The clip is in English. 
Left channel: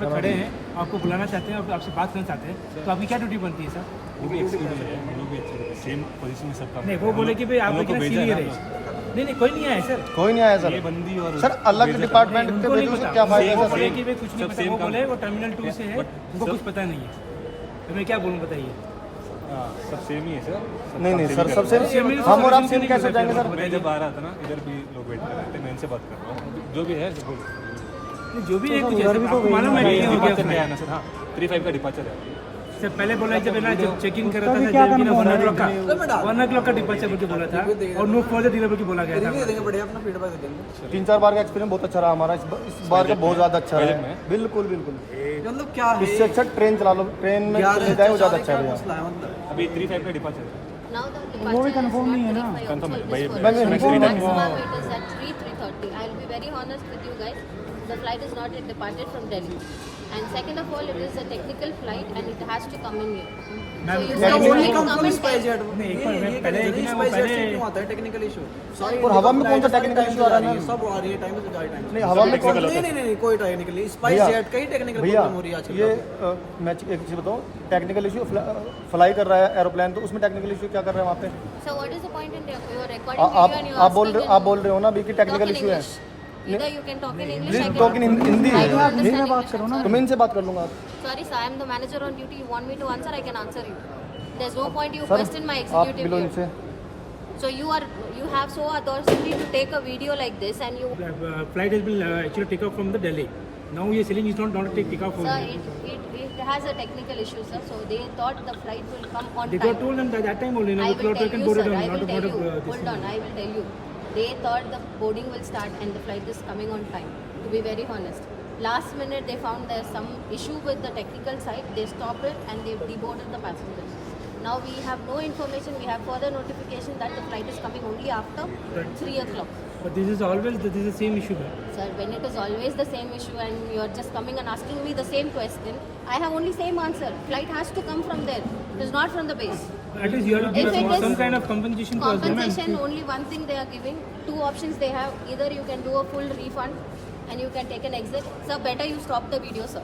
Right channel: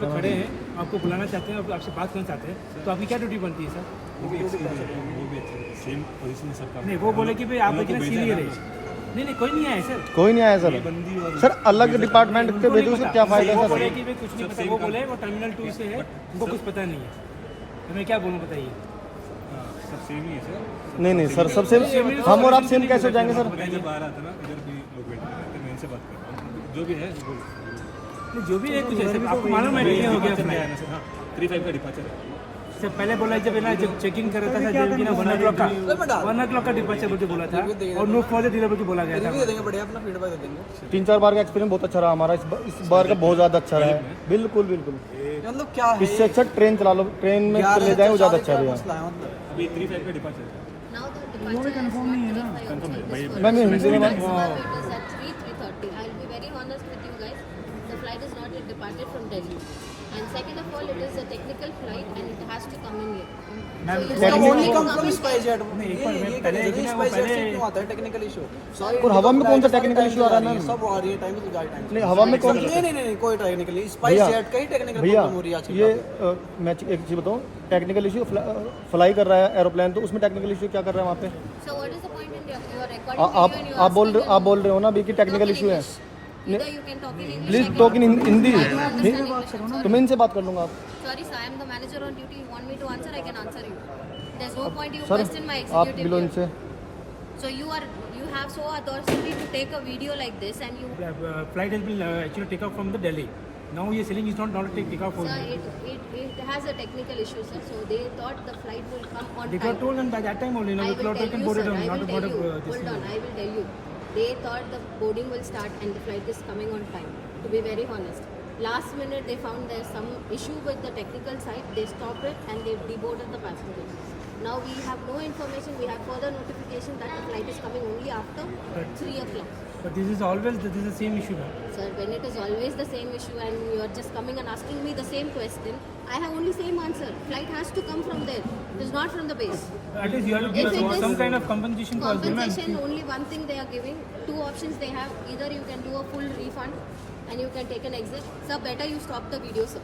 पे खड़े हैं, आपको बुलाना चाहते हैं और आपसे बात करना चाहते हैं, तो आपकी क्या ड्यूटी बनती है सर? सेम पोजीशन सबका नहीं, वो बोले कि भाई आप लेकिन सीनियर है। नहीं, कोई नहीं आया सर। कोई नहीं आया सर। ये बंदी और सर अलग डिपार्टमेंट उनको नहीं पता, वो बोले कि भाई कुछ नहीं सब पता, same वो काम। बोले वो टर्मिनल 2 से है, उनको कुछ पता नहीं है। तो मैं क्या बोलूँ बताइए? सब सेम ही है सर। नहीं सर सबसे सेम ही तो हम और solution आप सेम नहीं कैसे कर जाएंगे सकते सर? मैं जब आ रहा था ना, इधर भी लोग बैठ रहे थे, मैं इनसे बात कर रहा हूँ, जो भी है बोल। नहीं, जो भी है कुछ ऐसा आपको मालूम है नहीं हो गया डिपार्चर flight? है ना सर। हाँ 35 का डिपार्चर है। सर पहले बोला जब है ना, जब चेक इन कर रहा था जब कि ना 1 o'clock का डिपार्चर बोल के बोला था और नो फर्दर डिले बोल के बोला गया था। 3-4 बार का एक्सपीरियंस बहुत अच्छा रहा हमारा, इस बार का बहुत ज़्यादा अच्छा है। बिल्कुल मतलब क्या है इससे अच्छा ट्रेन चला लो, ट्रेन में चले जाए वो ज़्यादा अच्छा रहेगा। मसला है मतलब अभी 35 का डिपार्चर है। Now the departure confirm नहीं है ना? Confirm है, भाई, Maximum भाई, it is at 3:30. I will be very honest with you guys. The flight is not yet departed from Delhi. And second of all, it is a technical flight and it has to come in here. Ma'am, So you वो guys only need to come come to in SpiceJet नहीं, एक बार मैं पहले कि ना वो पहले आता है टेक्निकल इशू और हवा में कौन सा technical issue आ रहा है? सब आ रही है टाइम टू टाइम नहीं हवा में नहीं कोई टेक्निकल स्पाइस जेट का ही टेक्निकल भैया प्रॉब्लम हो रही है आजकल। ये मैं एक चीज़ बताऊँ, टेक्निकल इशू फ्लाई कर रहा है एरोप्लेन, तो उसमें टेक्निकल इशू क्या कर रहा है वहाँ पे? So what is the point in your recording video and you आप बोल रहे हो ना अभी कि talk टेक्निकल in इशू है। English. Either you can talk in English. Please I can talk in Hindi. I can understand English. I'm तो sorry. मैं इनसे बात कर लूँगा। Sorry sir, I am the manager on duty. You want me to answer? I can answer you. There's no point you sir question my आप executive मिलो view. इनसे। So you have so audacity to take a video like this and you flight has been actually take off from the Delhi. Now he is saying it's not take off from sir, here. it has a technical issue sir. So they thought the flight will come on They got time. told them by that time only, I the will cloud tell can you board it sir, on, I not will tell about you. this Hold thing. on, I will tell you. They thought the boarding will start and the flight is coming on time. To be very honest. Last minute they found there's some issue with the technical side. They stopped it and they deboarded the passengers. Now we have no information. We have further notification that the flight is coming only after 3 o'clock. But this is the same issue, ma'am. Sir, when it is always the same issue and you are just coming and asking me the same question, I have only same answer. Flight has to come from there. It is not from the base. At least you have to If give it is some kind of compensation for us, no, ma'am. Compensation, only one thing they are giving. Two options they have. Either you can do a full refund and you can take an exit. Sir, better you stop the video, sir.